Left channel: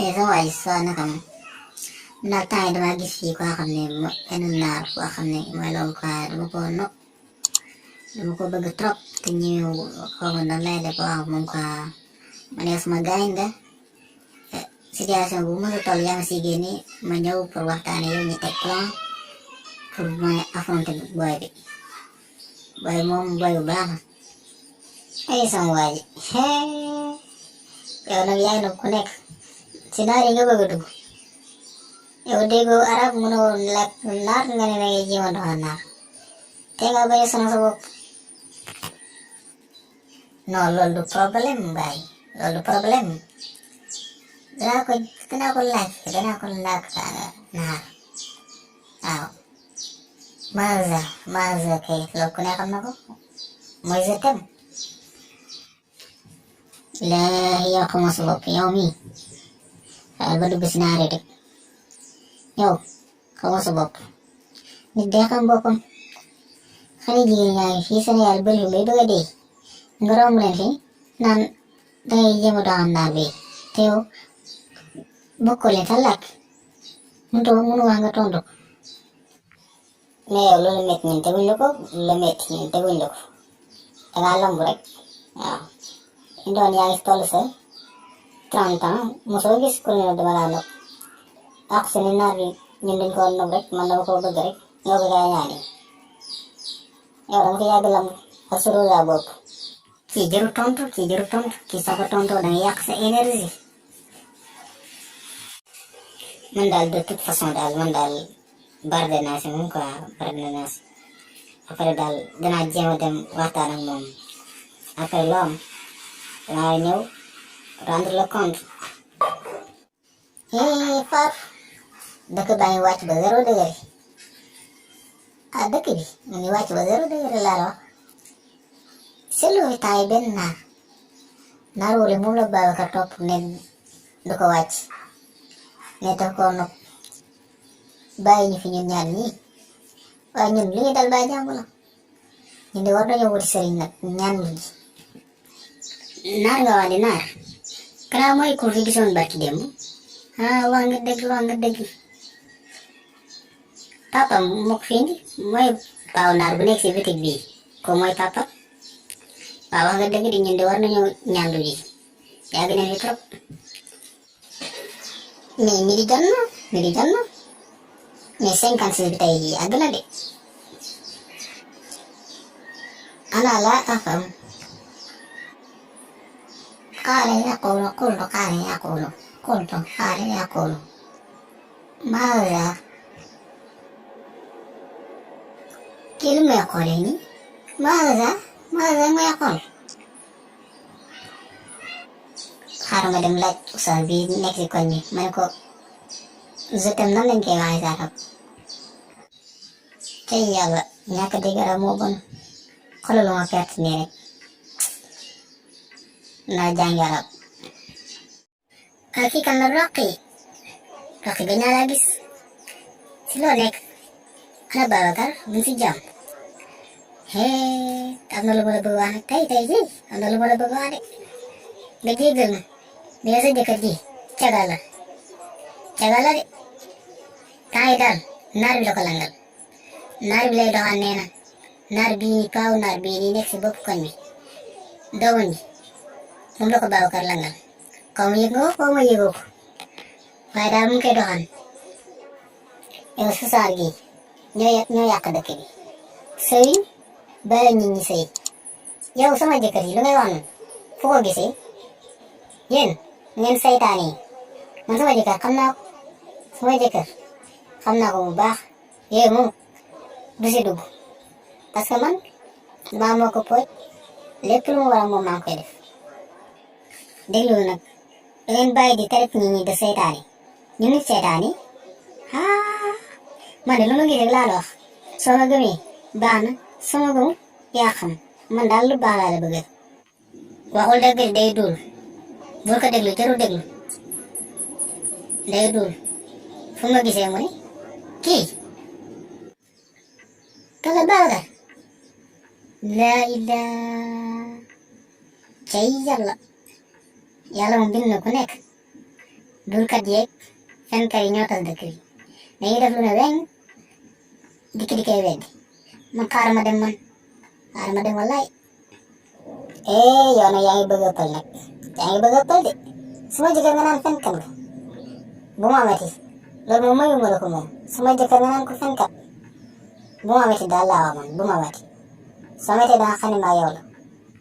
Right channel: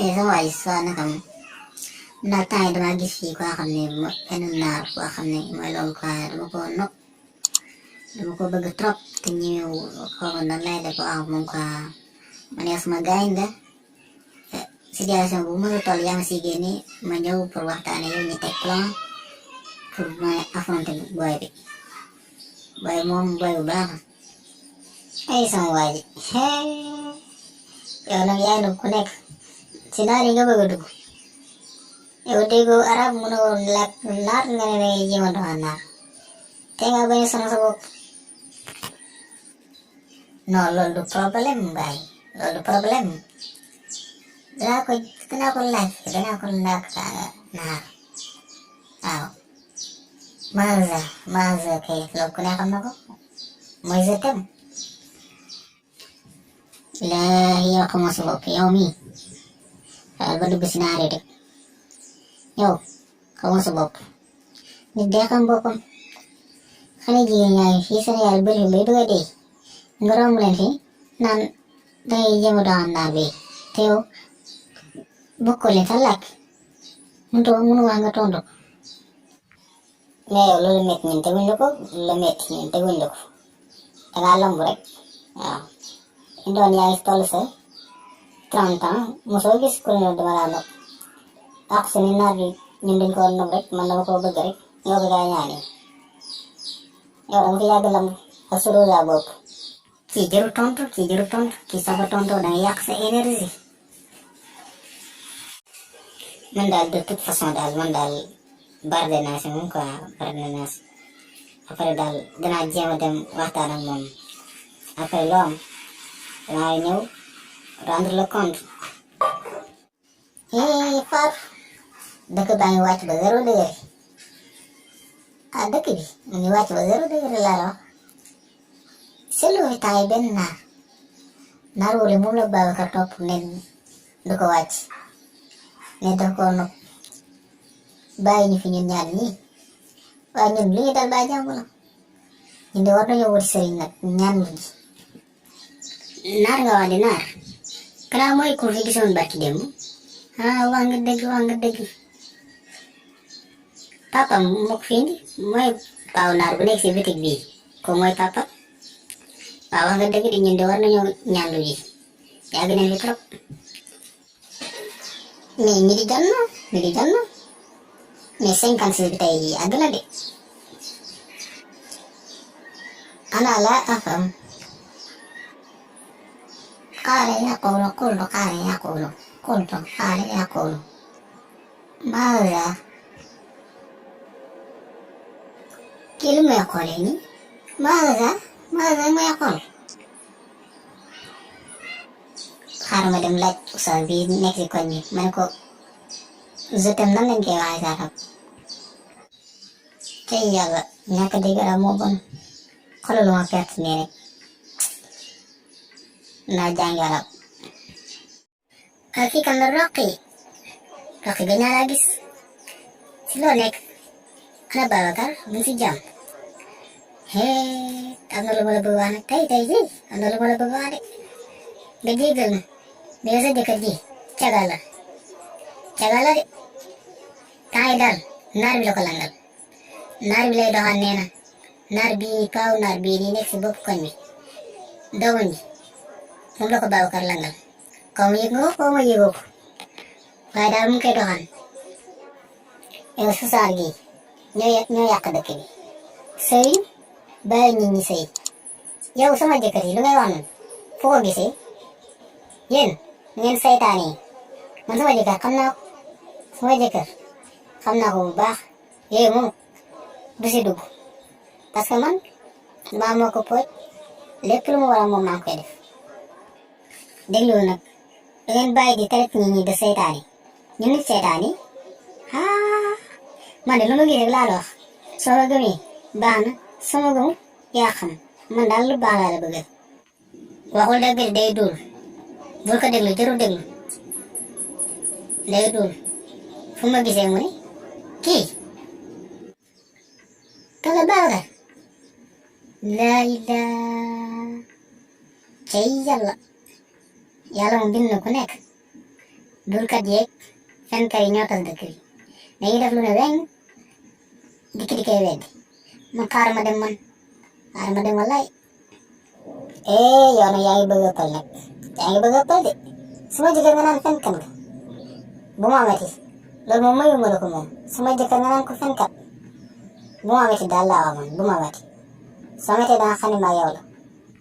sama waa ji soo naka moom ndax temps yi dama gis fii koo xam ne benn naar boo xam ne mooy loolu quoi dama ko bëgg trop te ñëw xaw ma nan lay def wax moom quoi ma ne sama gaañ nga situation bu mën a toll yaa ma siy génne ma ñëw pour waxtaane yow ñu teg plan pour ma affronter booy bi moom booy bu baax la ay sama waa ji yow nag yaay nag ku nekk si naar yi nga bëgg a dugg yow déggoo arab mënoo làkk naar nga ne dangay jéem a doxal naar te nga bañ a sonal sa bopp non loolu du problème mbaay loolu du problème danaa ko laaj naar waaw maza kay loolu ku ne xam na ko mooy je t'aime la yow xamoo sa bopp yow mii xaal ba dugg si naare rek yow xamoo sa bopp nit day xam boppam xale jigéen yaa ngi fii Sénégal bëri fi bay bëgg a dee nga romb leen fi naan dangay jéem a doxal naar bi te yow bokkoo leen sa làkk mënu wax nga tontu mais yow loolu métti ñun teguñ la ko dangaa lamb rek waaw doon yaa ngi toll sa 30 ans mosoo gis ku ne dama laa nopp ak seen naar bi ñun dañ ko nopp rek man dama ko bëgg rek ñoo ko gaa ñaani yow danga fi yàgg lamb ak sa rosa bopp kii jëru tontu kii soo ko tontoo danga yàq sa énergie man daal de toute façon daal man daal barde naa si moom quoi après daal danaa jéem a dem waxtaan ak moom après loo am danaa ñëw rendre le compte Fatou dëkk baa ngi wàcc ba 0 degré dëkk bi mu ngi wàcc ba 0 degré laa la wax seetlu fi temps yi benn naar wala moom la Babacar topp ne du ko wàcc ne daf ko nopp bàyyi ñu fi ñun ñaar ñii waaye ñun li ñu dal baa jàmm la ñun de war nañoo wuti sëriñ nag ñaan lu ji naar nga wax di naar kanaa mooy ku fi gisoon barki démb wax nga dëgg papa moo ko fi indi mooy paaw naar bu nekk si bitig bii ko mooy papa waaw wax nga dëgg di ñun de war nañoo ñaan lu ji yàgg nañ fi trop mais mi di jot na mais 56 bi tey jii àgg na de ana la afam qaala yaqulu qultu qaala yaqulu qultu qaala yaqulu maaza kii lu may xoolee nii maaza may xool xaaral ma dem laaj Oustaz bi nekk si koñ bi ma ne ko je t'aime nan lañ koy waxee sa arab tey yàlla ñàkk dégg arab moo bon xoolal ma perte nii rek naa jàngi arab kii kan la Roqi gëj naa laa gis si loo nekk ana Babacar mu ngi si jàmm am na lu ma la bëgg wax nag tey jii am na lu ma la bëgg wax de nga jéggal ma mais sa jëkkër ji cagal la de temps yi daal naar bi la ko langal naar bi lay doxaan nee na naar bii nii nekk si bopp koñ bi doomam bi moom la ko Babacar langal xaw ma yëg nga ko xaw ma yëgoo ko waaye daal mu ngi koy doxaan yow su saar gi ñoo yàq dëkk bi sëy bàyyi nit ñi sëy yow sama jëkkër yi lu ngay wax noonu fu ko gisee yéen ngeen saytaane yi man sama jëkkër xam naa ko bu baax yooyu moom du si dugg parce que man damaa moo ko pooj lépp lu mu war a moom maa ngi koy def déglu nag da ngeen bàyyi di traite nit ñi de saytaane ñu nit saytaane man de lu ma gis rek laa la wax soo ma gëmee baax na soo ma gëmul yaa xam man daal lu baax laa la bëgg waxul dëgg de day dul bul ko déglu jarul déglu day dul fu ma gisee mu ne kii kala Babacar laa ilaa cay yàlla mu bind na ku nekk dulkat yeeg fenkat yi ñoo tas dëkk bi dañuy def lu ne weng dikki di koy weddi man xaaral ma dem wallaay yow nag yaa ngi bëgg a ëppal nag de sama jëkkër nga naan fenkat nga bu ma amati loolu moom mayuma la ko moom sama jëkkër nga naan ko fenkat bu ma amati daal laa wax man bu ma amati soo amatee danga xam ne maa yow la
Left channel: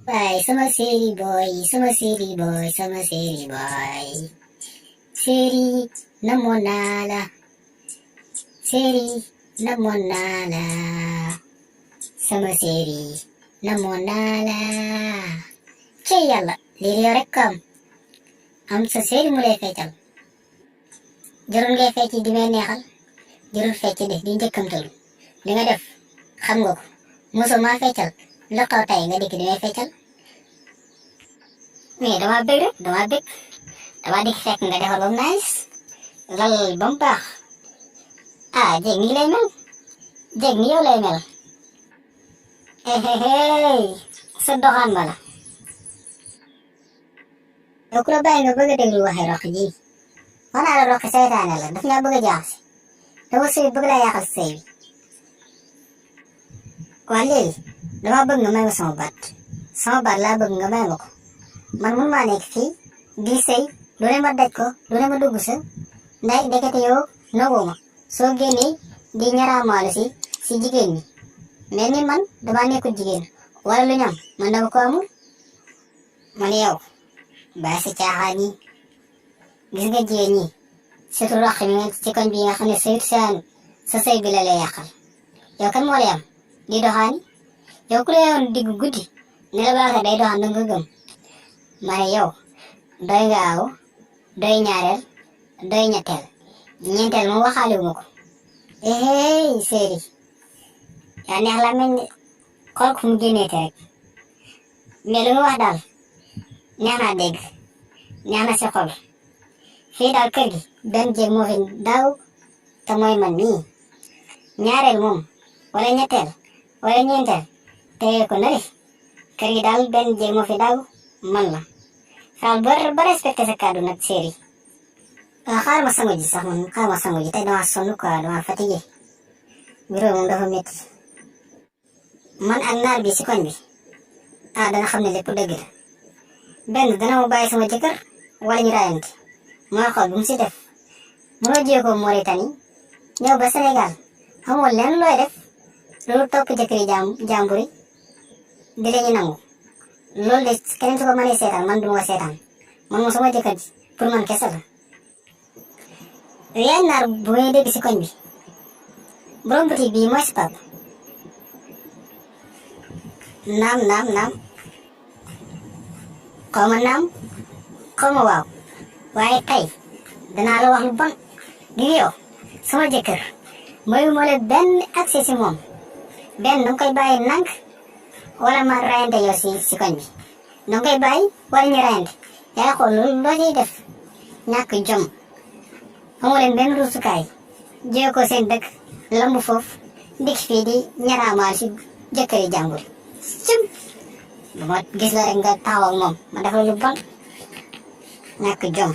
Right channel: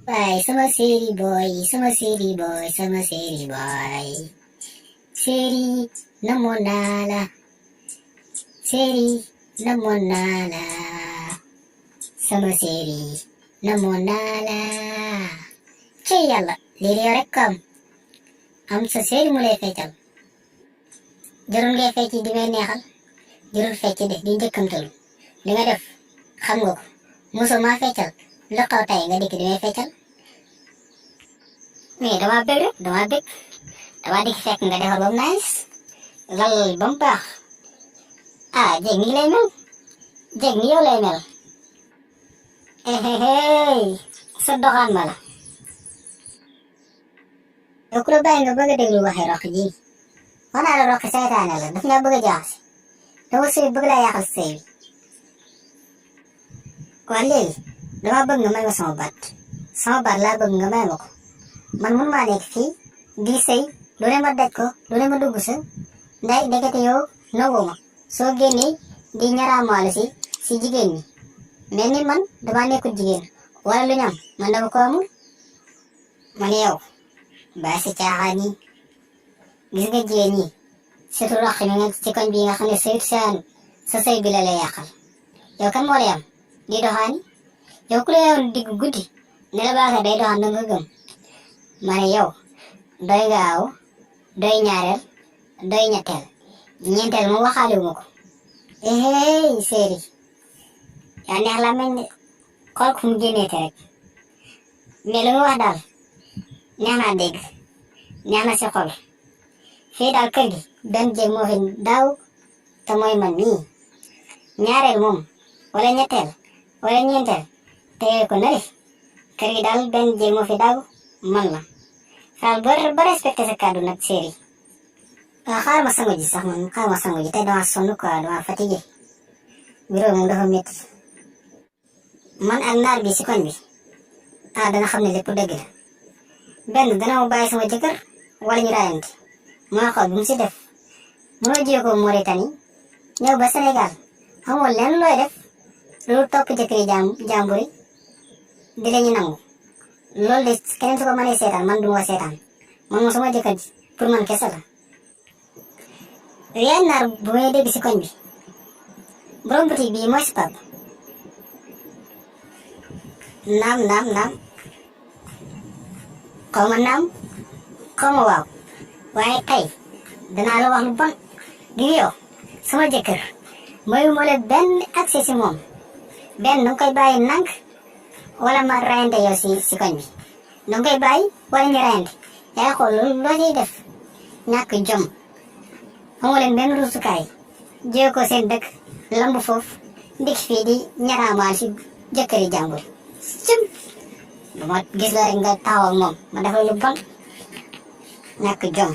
waaye sama séeri boy séeri namoon naa la sama séeri namoon naa la ci yàlla lii de yow rek ko am sa séeri mu lay feccal jarul ngay fecc di may neexal jarul fecc de di njëkkamtalu li nga def xam nga ko mosoo maa feccal lu xaw tey nga dikk di may feccal mais dama bëgg rek dama dikk fekk nga defar ba mu nice lal ba mu baax jéeg ni lay mel jéeg ni yow lay mel sa doxaan ma la yow ku la bàyyi nga bëgg a déglu waxee roq ji wax naa la roq seytaane la daf nga bëgg a jaaxase dama sëy bëgg laa yàqal sëy bi waa léegi dama bëgg nga may ma sama baat laa bëgg nga may ma ko man mun maa nekk fii di sëy lu ne ma daj ko lu ne ma dugg sa nday ndekete yow nowoo ma soo génnee di ñaraamaalu si jigéen ñi mel ni man dama nekkul jigéen wala lu ñam man dama ko amul man yow bàyyi si caaxaan yi gis nga jigéen ñi surtout roq mi nga ci koñ bi nga xam ne sëyut sa sëy bi la lay yàqal yow kan moo lay am di doxaani yow ku la yoon diggu guddi ne la baax day doxaan danga gëm ma ne yow doy nga aw doy ñaareel doy ñetteel ñeenteel moom waxaaliwu ma ko séeri yaa neex la mel ni xool ko fu mu génneete rek mais lu mu wax daal neex naa dégg neex na si xol fii daal kër gi benn jéeg moo fi daaw te mooy man mii ñaareel moom wala ñetteel wala ñeenteel tege ko nari kër gi daal benn jéeg moo fi daaw man la faal ba respecté sa kàddu nag séeri xaar ma sangu ji sax man xaar ma sangu ji tey dama sonn quoi dama fatigué bureau moom dafa métti man ak naar bi si koñ bi danga xam ne lépp dëgg la benn dana ma bàyyi sama jëkkër wala ñu raayante mooy xool bu mu si def mënoo jiyee ko Mauritanie ñëw ba Sénégal amoo lenn looy def loolu topp jëkkëri jàmbur yi di la ñu nangu loolu de keneen su ko mënee seetaan man duma ko seetaan man moom sama jëkkër ji pour man kese la yaay naar bu may dégg si koñ bi borom boutique bi mooy si pap naam xaw ma naam xaw ma waaw waaye tey danaa la wax lu bon di yow sama jëkkër mayu moo la benn accès si moom benn danga koy bàyyi nank wala ma rayante yow si koñ bi danga koy bàyyi wala ñu rayante yaay xool loolu loo ciy def ñàkk jom amoo leen benn ruusukaay jëye ko seen dëkk lamb foofu dikk fii di ñaraamaal si jëkkëri jàmbur cim bu ma gis la rek nga taxaw ak moom ma def la lu bon ñàkk jom